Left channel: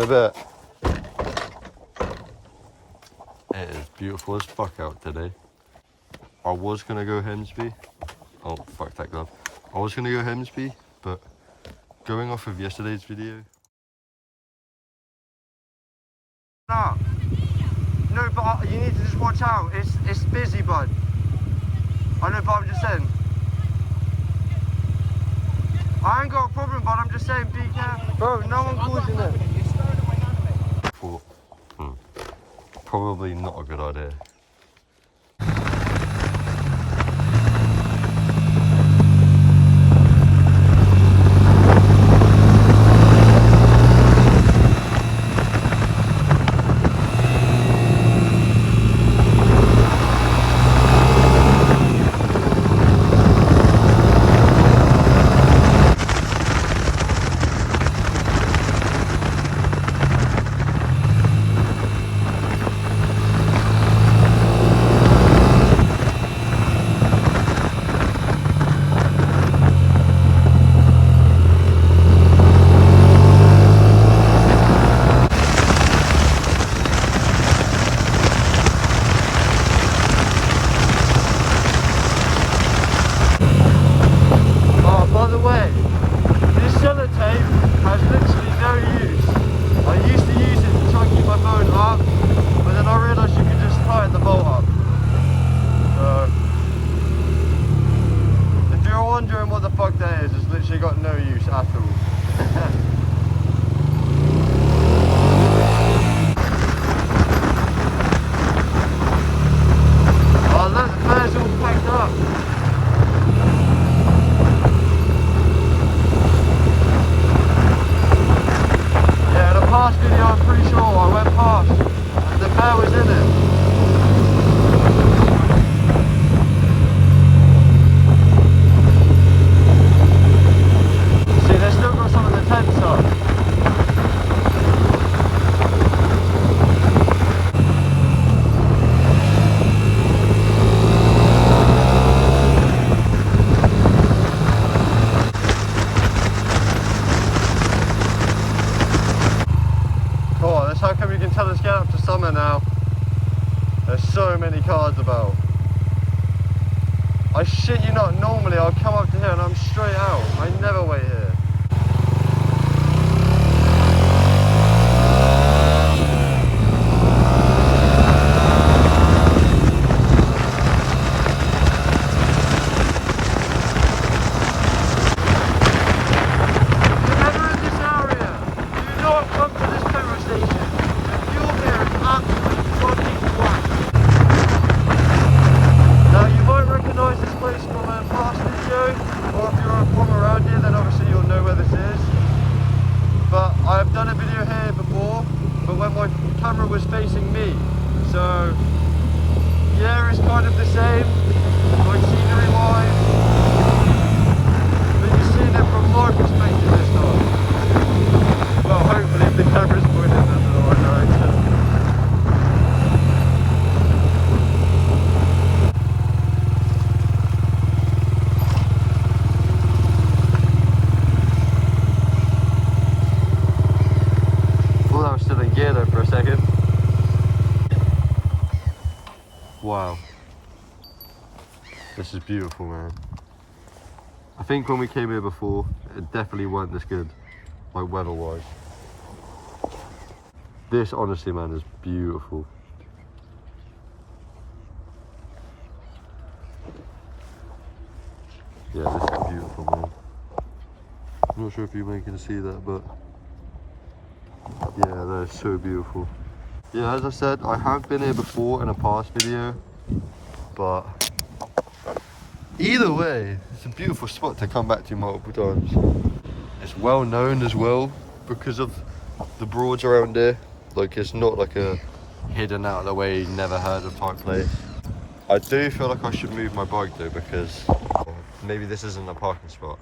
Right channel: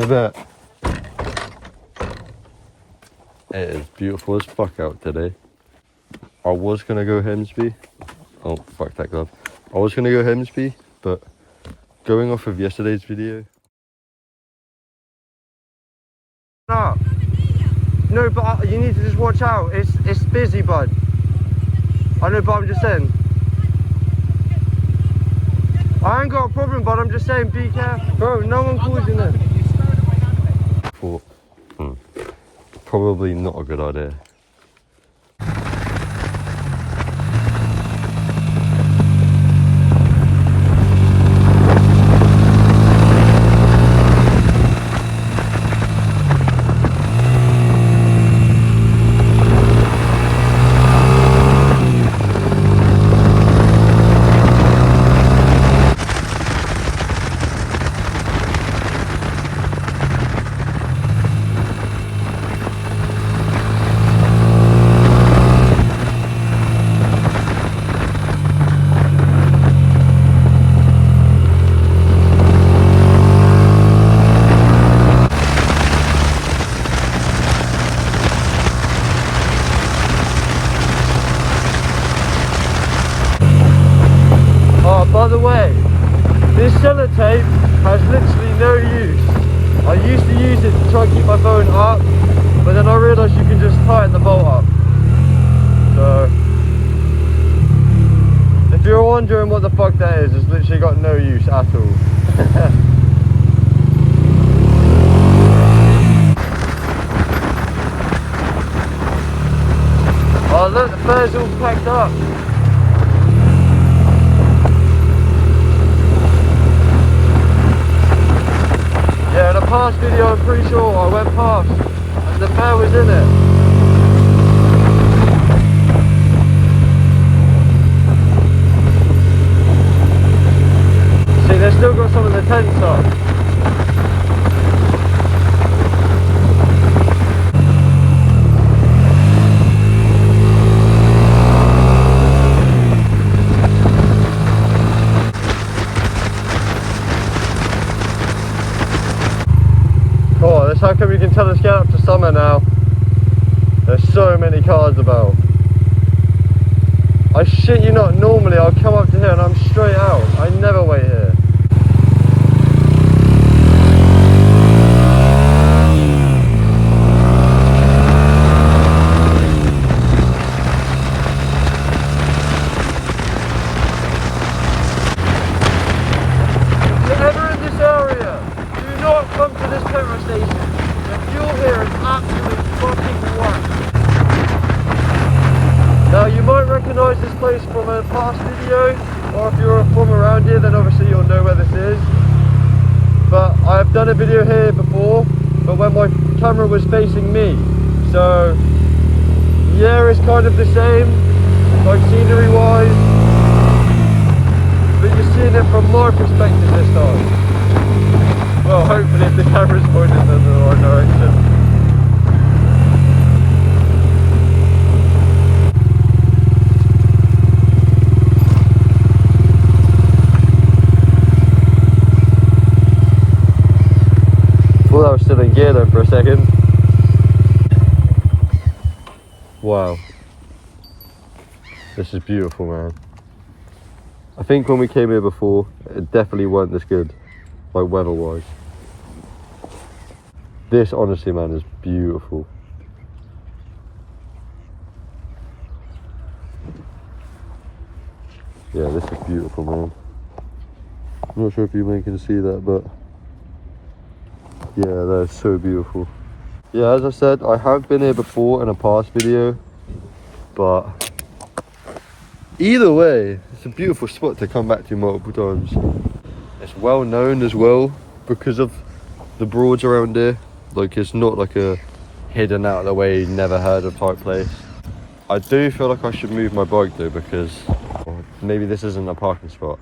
in a bit. It is beautiful as fuck out today. I was gonna go Hemsby. Oh, fuck that glove. I was gonna go Hemsby, but going off of yesterday's video. No, but you need to just watch out. It's busy, bud. I know, but I'm just saying. I ain't got a problem, but I'm just saying, be careful. Bro, no one calls you there. Probably not a good idea. By the way, this sellotape has literally no use. I used to use it to try and keep my phone up, but then I realised you can just tighten the bolt up. So, if you're wondering what the fuck that is, it's literally got no use at all. Oh look, the fur's all packed up. Yeah, in a past video I'm pretty sure I went past and the fan was in it. See, they've still got some of the tents up. Oh, that's how come you can tell us get up to summer now. There's so many cars about. I shit you not, normally I'll come up to here and I'm straight out. I never wait here. If you're ever in this area, do not come to this petrol station. The fuel here is absolute fucking whack. Now you might recognise this place from a past video, or if you're from around here then obviously you'll know where this is. But I've done a video here before, but when my camera was facing me. So yeah, it's kind of the same, like scenery wise, but you're seeing it from my perspective this time. Well, hopefully the camera's pointed in the right direction. Thought I was still in gear though for a second. Wow. This is beautiful, man. I think when we came here before, it definitely weren't this good, like weather-wise. This, honestly, man, is beautiful. Yeah, this is beautiful, man. I'm not sure if you can see that, but yeah, that is so beautiful. Yeah, as I said, I have been here before in a past video, but either way, it's a beautiful spot to come back to multiple times. It's well known as well because of the Broads around here. Like, it's not like a hidden out of the way, never heard of type place. I do feel like I should move my bike though, because maybe this isn't a parking spot.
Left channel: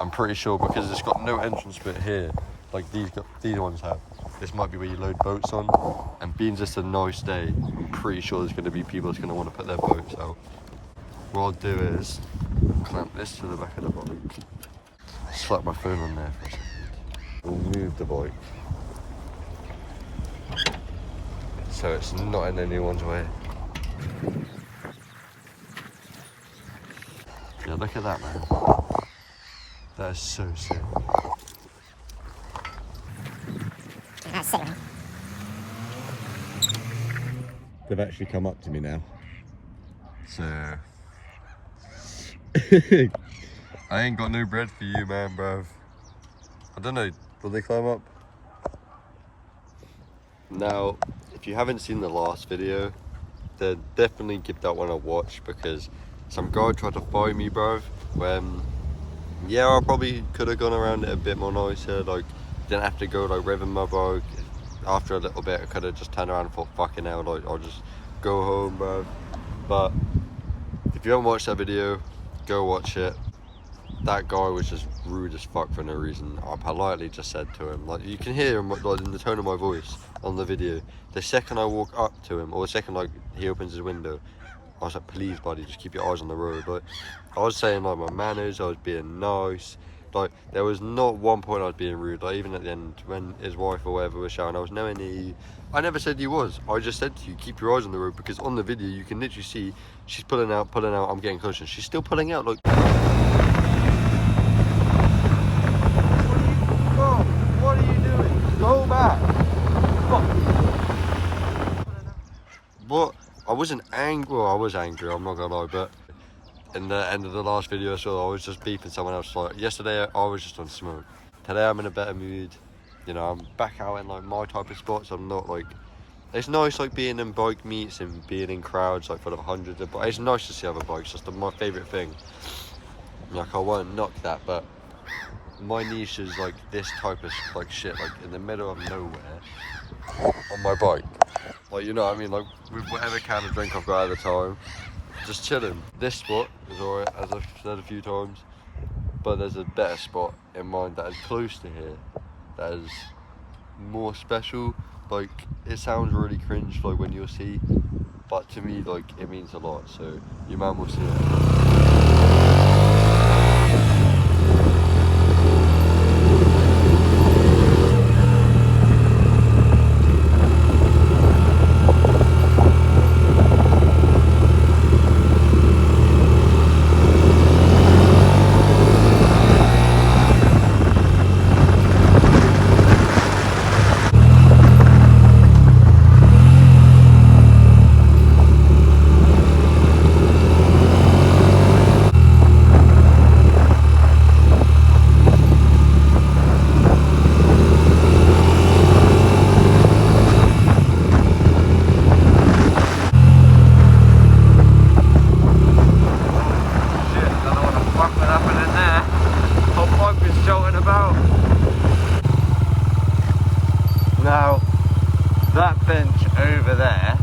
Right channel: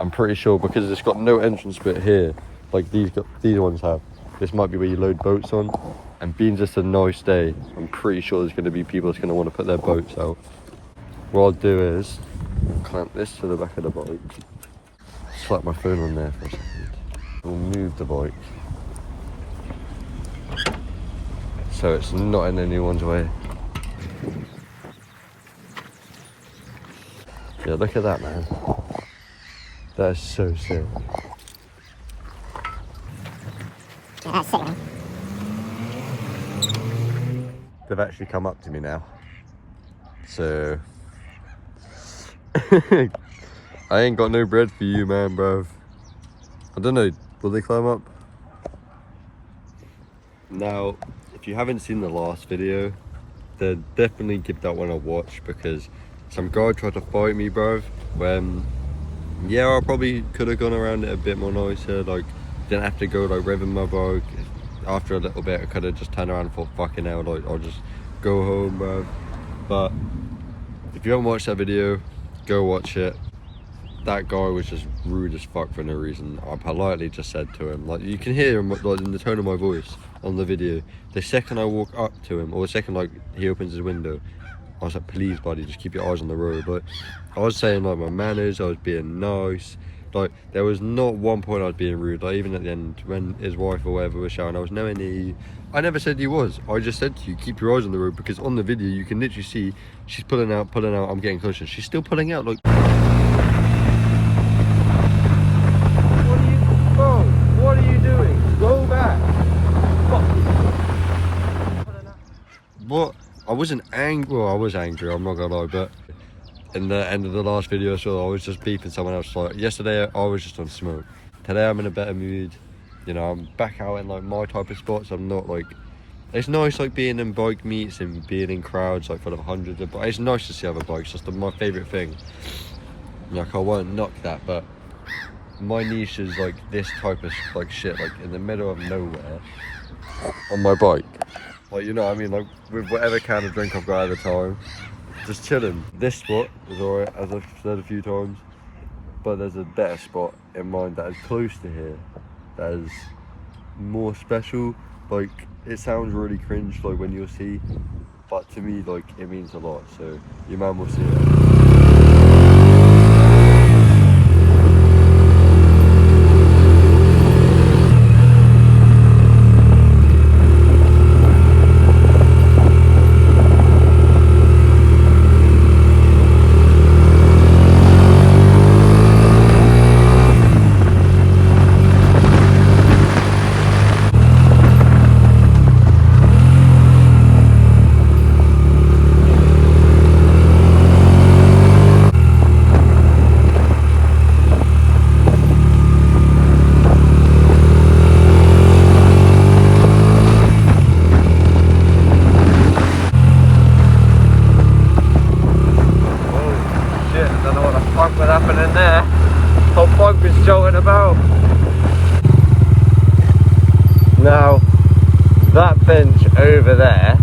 I'm pretty sure because it's got no entrance bit here, like these ones have. This might be where you load boats on, and being just a nice day, I'm pretty sure there's going to be people that's going to want to put their boats out. What I'll do is clamp this to the back of the bike, slap my phone on there for a second, move the bike, so it's not in anyone's way. Yeah, look at that, man. That is so sick. Yeah, that's sick, man. They've actually come up to me now. So I ain't got no bread for you, man, bruv. I don't know, will they climb up? Now, if you haven't seen the last video, then definitely give that one a watch, because some guy tried to fight me, bruv. When, yeah, I probably could have gone around it a bit more nicer, like, didn't have to go like revving my bike. After a little bit, I could have just turned around and thought, fucking hell, like, I'll just go home, bruv. But if you haven't watched that video, go watch it. That guy was just rude as fuck for no reason. I politely just said to him, like, you can hear him like in the tone of my voice on the video. The second I walk up to him, or the second like he opens his window, I was like, please buddy, just keep your eyes on the road. Like, I was saying like my manners, I was being nice. Like, there was not one point I was being rude. Like, even at the end when his wife or whatever was shouting, I was nowhere near you. I never said you was. I just said to you, keep your eyes on the road, because on the video you can literally see she's pulling out, I'm getting closer, and she's still pulling out, like. What are you doing? Go back. What? I wasn't angry. Well, I was angry, I'm not gonna lie, but in the end of the last video I saw, I was just beeping someone else. Like, yesterday I was just on smoke. Today I'm in a better mood. You know, I'm back out in like my type of spots. I'm not like, it's nice like being in bike meets and being in crowds like full of hundreds of bikes. It's nice to see other bikes, just my favourite thing. Like, I won't knock that, but my niche is like this type of like shit, like in the middle of nowhere on my bike. Like, you know what I mean, like with whatever can of drink I've got at the time, just chilling. This spot is alright, as I've said a few times, but there's a better spot in mind that is close to here, that is more special. Like, it sounds really cringe like when you'll see, but to me like it means a lot, so your man will see it. Now, that bench over there,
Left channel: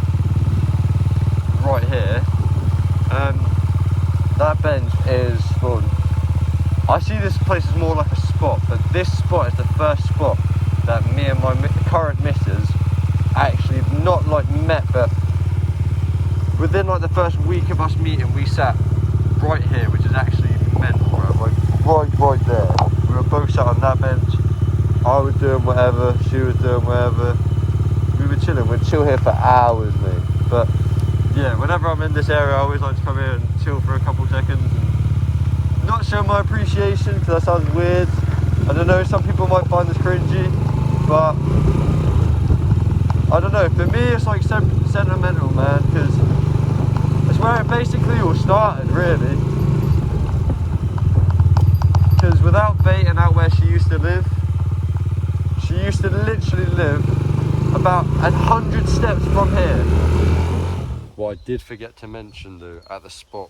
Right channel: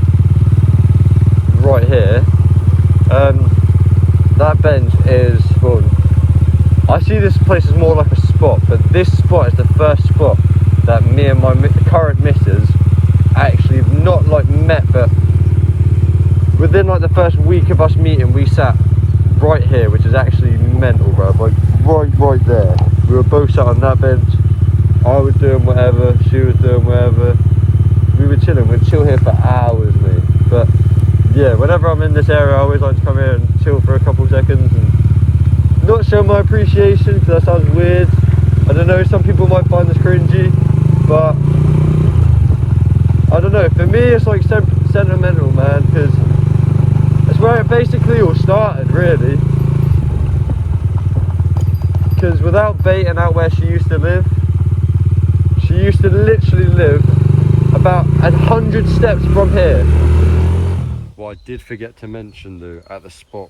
right here, that bench is, well, I see this place as more like a spot, but this spot is the first spot that me and my current missus actually not like met, but within like the first week of us meeting, we sat right here, which is actually mental, bro. Like right there. We were both sat on that bench. I was doing whatever, she was doing whatever. We were chilling, we'd chill here for hours, mate. But yeah, whenever I'm in this area, I always like to come here and chill for a couple seconds and not show my appreciation, because that sounds weird. I don't know, some people might find this cringy, but I don't know, for me it's like sentimental, man, because it's where it basically all started, really. Because without baiting out where she used to live, she used to literally live about 100 steps from here. What I did forget to mention though, at the spot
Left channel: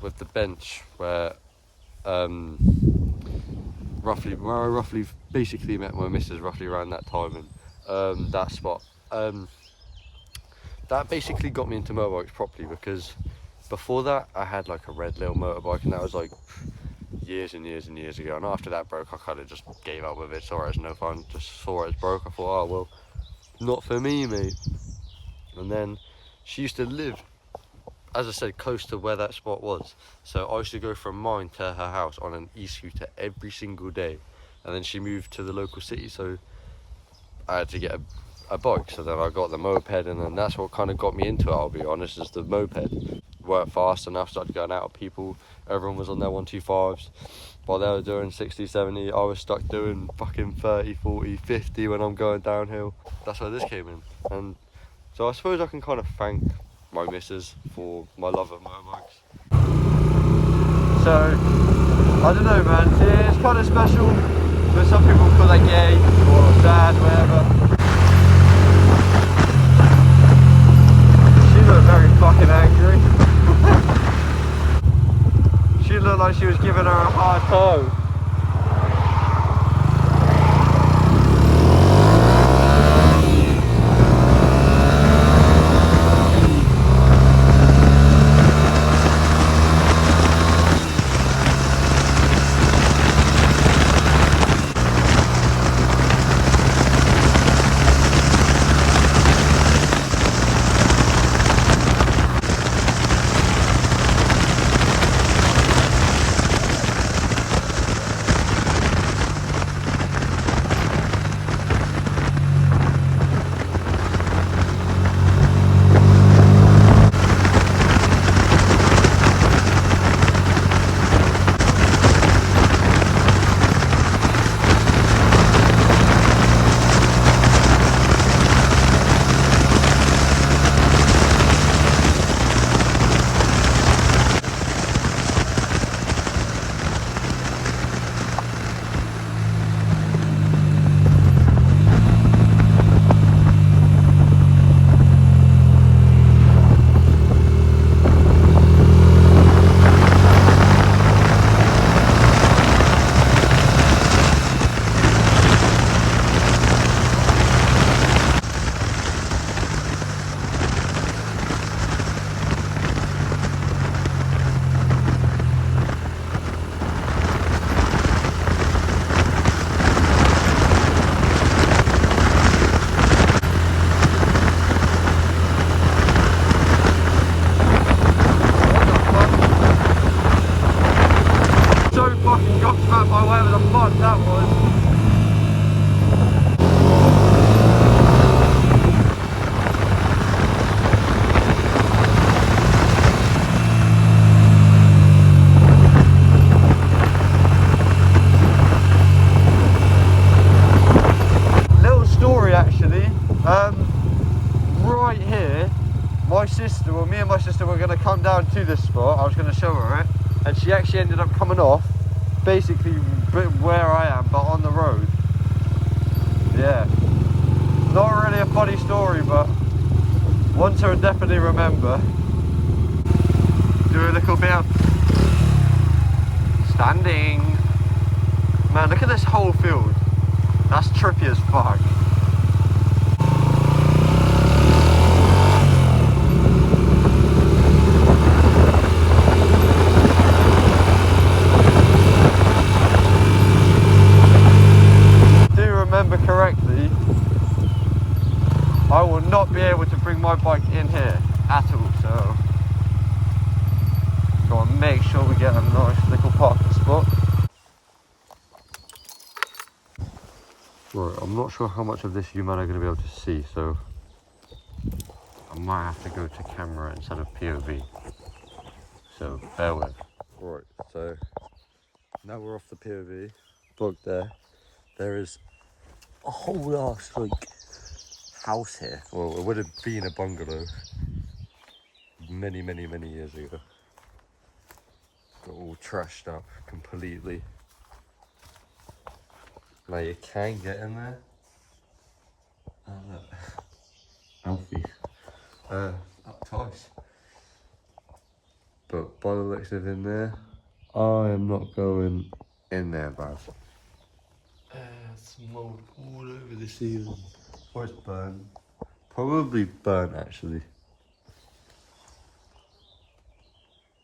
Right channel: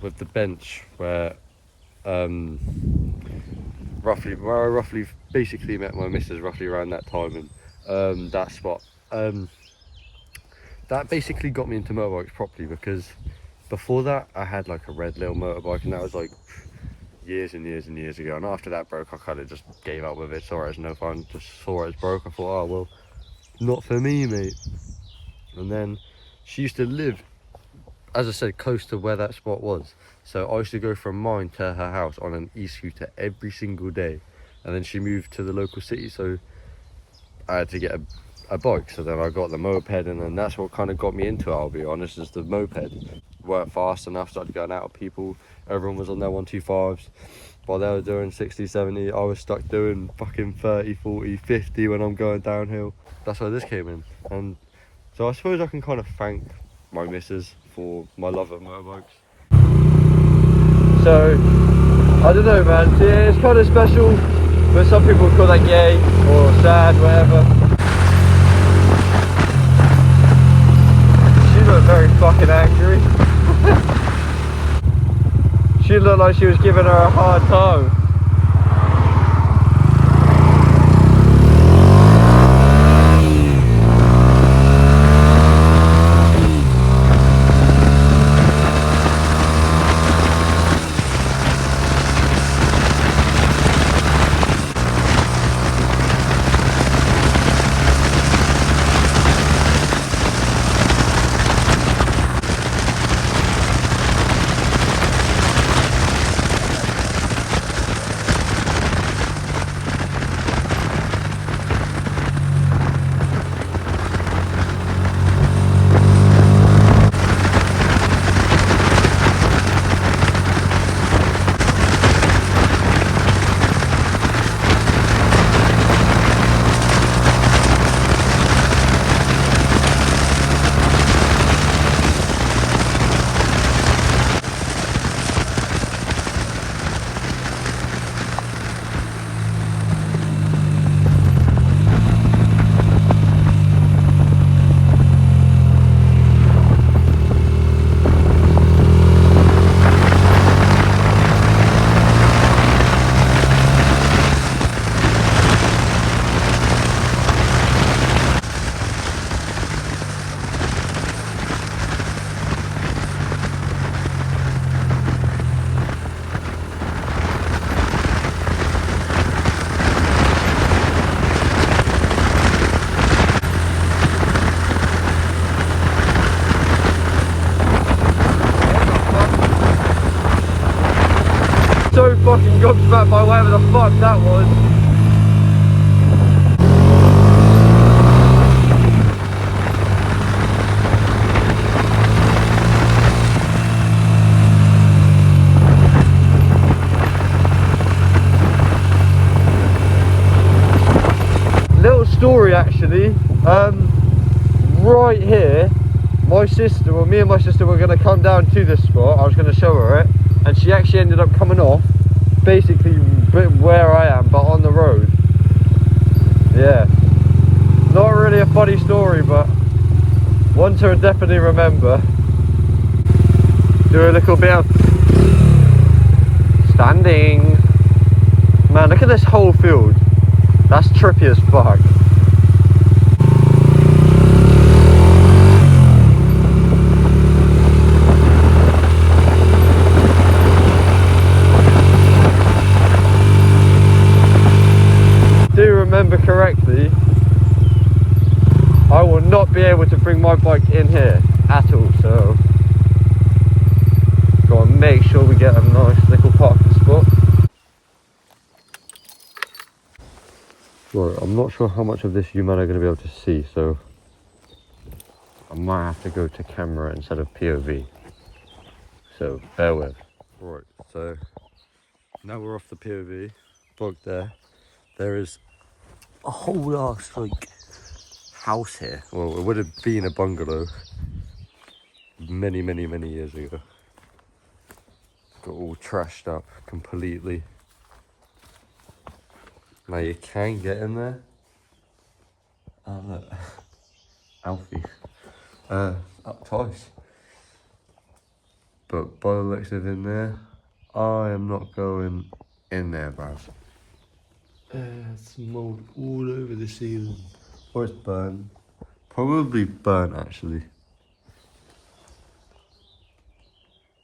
with the bench where I roughly basically met my missus roughly around that time, and that spot, that basically got me into motorbikes properly, because before that I had like a red little motorbike, and that was like years and years and years ago, and after that broke I kind of just gave up with it. Saw it as no fun, just saw it as broke. I thought, oh well, not for me, mate. And then she used to live, as I said, close to where that spot was, so I used to go from mine to her house on an e-scooter every single day. And then she moved to the local city, so I had to get a bike, so then I got the moped, and then that's what kind of got me into it, I'll be honest, is the moped. Weren't fast enough, started going out with people, everyone was on their 125s, while they were doing 60, 70, I was stuck doing fucking 30, 40, 50 when I'm going downhill. That's where this came in, and so I suppose I can kind of thank my missus for my love of motorbikes. So, I don't know, man, it's kind of special, but some people call that gay or sad, whatever. She looked very fucking angry. She looked like she was giving her a hard time. So fucking gobsmacked by whatever the fuck that was. Little story actually, right here, my sister, well me and my sister were going to come down to this spot, I was going to show her it, and she actually ended up coming off, basically where I am, but on the road. Yeah, not really a funny story, but one to definitely remember. Do a little bit of standing. Man, look at this whole field. That's trippy as fuck. Do remember correctly, I will not be able to bring my bike in here at all, so gotta make sure we get a nice little parking spot. Right, I'm not sure how much of this you men are going to be able to see, so I might have to go to camera instead of POV. So bear with. Right, so now we're off the POV. Look there. There is a whole ass like house here. Well, it would have been a bungalow many years ago. Got all trashed up completely. Now you can get in there. Look. Alfie. Up twice. But by the looks of it in there, I am not going in there, bro. It's mold all over the ceiling. Or it's burnt. Probably burnt actually.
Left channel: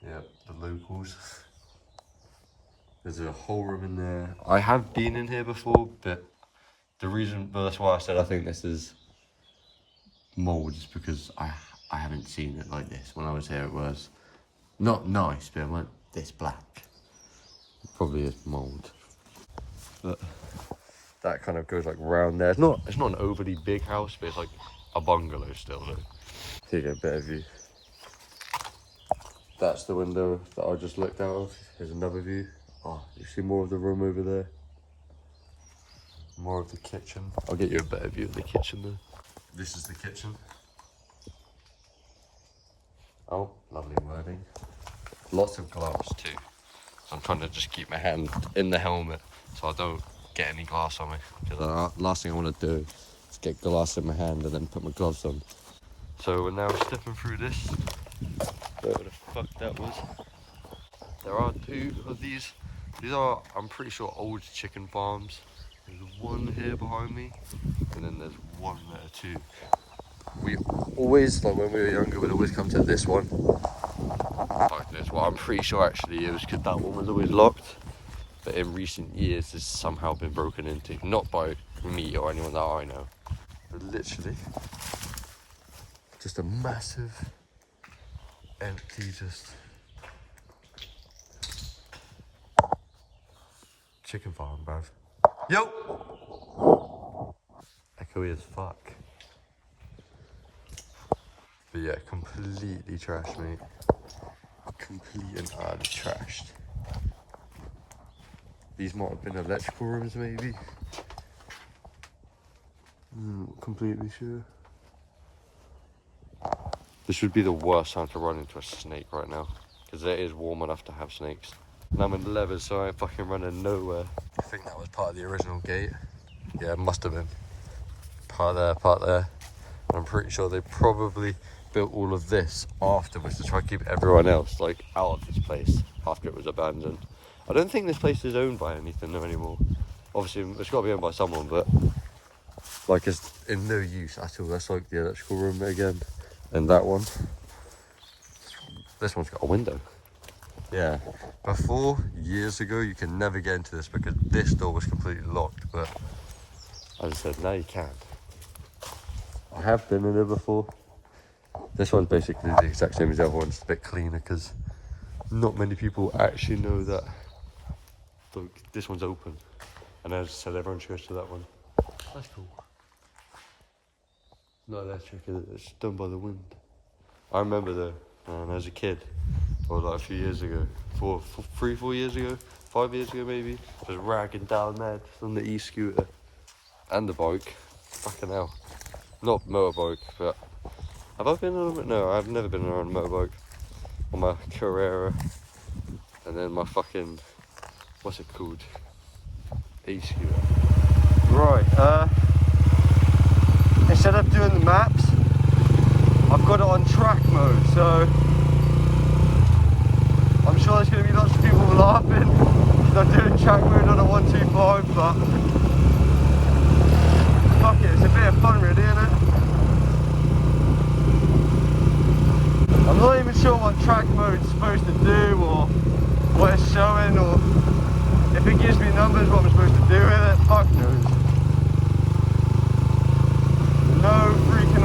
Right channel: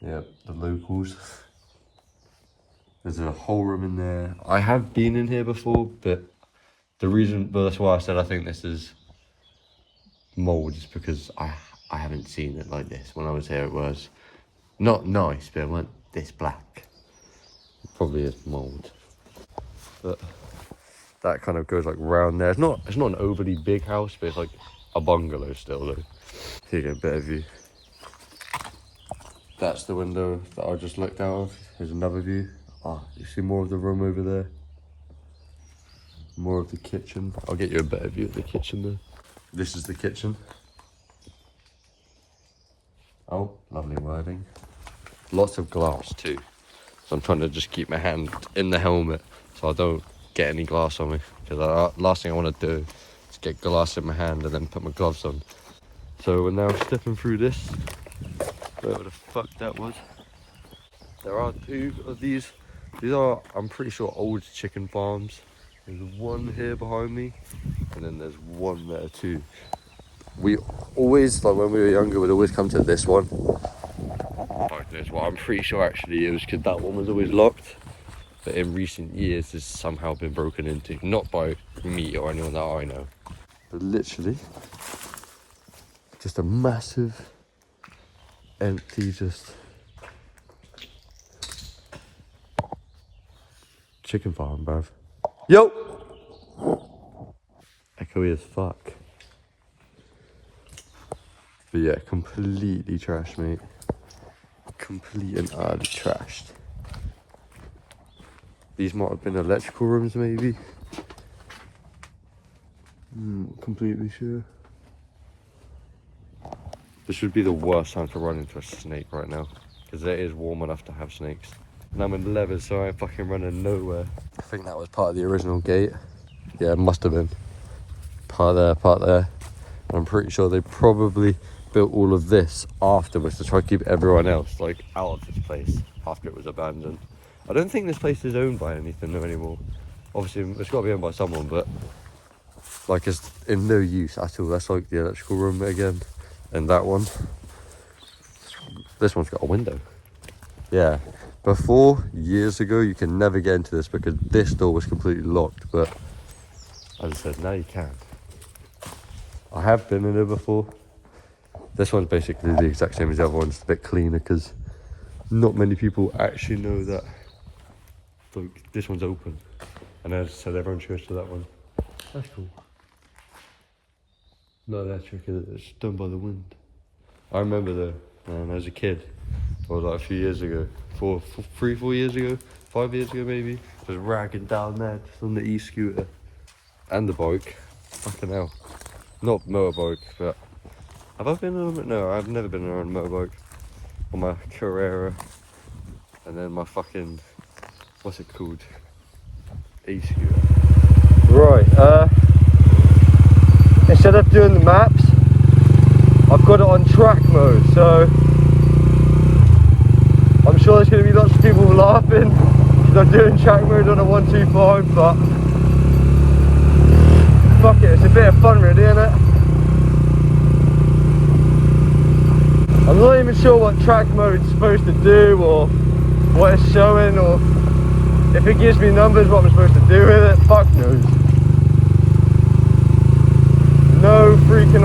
Yep, the locals. There's a whole room in there. I have been in here before, but that's why I said I think this is mold, is because I haven't seen it like this. When I was here it was not nice, but it wasn't this black. It probably is mold. But that kind of goes like round there. It's not an overly big house, but it's like a bungalow still though. Taking a better view. That's the window that I just looked out of. Here's another view. Ah, you see more of the room over there. More of the kitchen. I'll get you a better view of the kitchen there. This is the kitchen. Oh, lovely wording. Lots of glass too. So I'm trying to just keep my hand in the helmet so I don't get any glass on me. Because the last thing I want to do is get glass in my hand and then put my gloves on. So we're now stepping through this. Whatever the fuck that was. There are two of these. These are, I'm pretty sure, old chicken farms. There's one here behind me, and then there's one there too. We always, like when we were younger, we'd always come to this one. Like this one, I'm pretty sure actually it was because that one was always locked. But in recent years, it's somehow been broken into. Not by me or anyone that I know. But literally, just a massive, empty, just chicken farm, bruv. Yo! Echoey as fuck. But yeah, completely trashed, mate. Complete and utterly trashed. These might have been electrical rooms, maybe. Not completely sure. This would be the worst time to run into a snake right now. Because it is warm enough to have snakes. And I'm in leather, so I ain't fucking running nowhere. I think that was part of the original gate. Yeah, it must have been. Part there, part there. And I'm pretty sure they probably built all of this afterwards to try to keep everyone else like out of this place after it was abandoned. I don't think this place is owned by anything anymore. Obviously, it's got to be owned by someone, but like it's in no use at all. That's like the electrical room again. And that one. This one's got a window. Yeah, before, years ago, you can never get into this because this door was completely locked, but as I said, now you can. I have been in it before. This one's basically the exact same as the other one, it's a bit cleaner because not many people actually know that like, this one's open. And as I said, everyone goes to that one. That's cool. Not electric, it's done by the wind. I remember though, when I was a kid, or like a few years ago, 4 years ago, 5 years ago maybe, I was ragging down there just on the e-scooter and the bike. Fucking hell. Not motorbike, but have I been on a, no, I've never been on a motorbike. On my Carrera, and then my fucking, what's it called? E-scooter. Right, instead of doing the maps, I've got it on track mode, so I'm sure there's going to be lots of people laughing because I'm doing track mode on a 125, but fuck it, it's a bit of fun really, isn't it? I'm not even sure what track mode is supposed to do or what it's showing or if it gives me numbers what I'm supposed to do with it, fuck knows. No freaking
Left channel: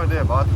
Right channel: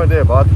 idea, bud.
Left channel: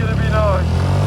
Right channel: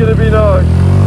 gonna be nice.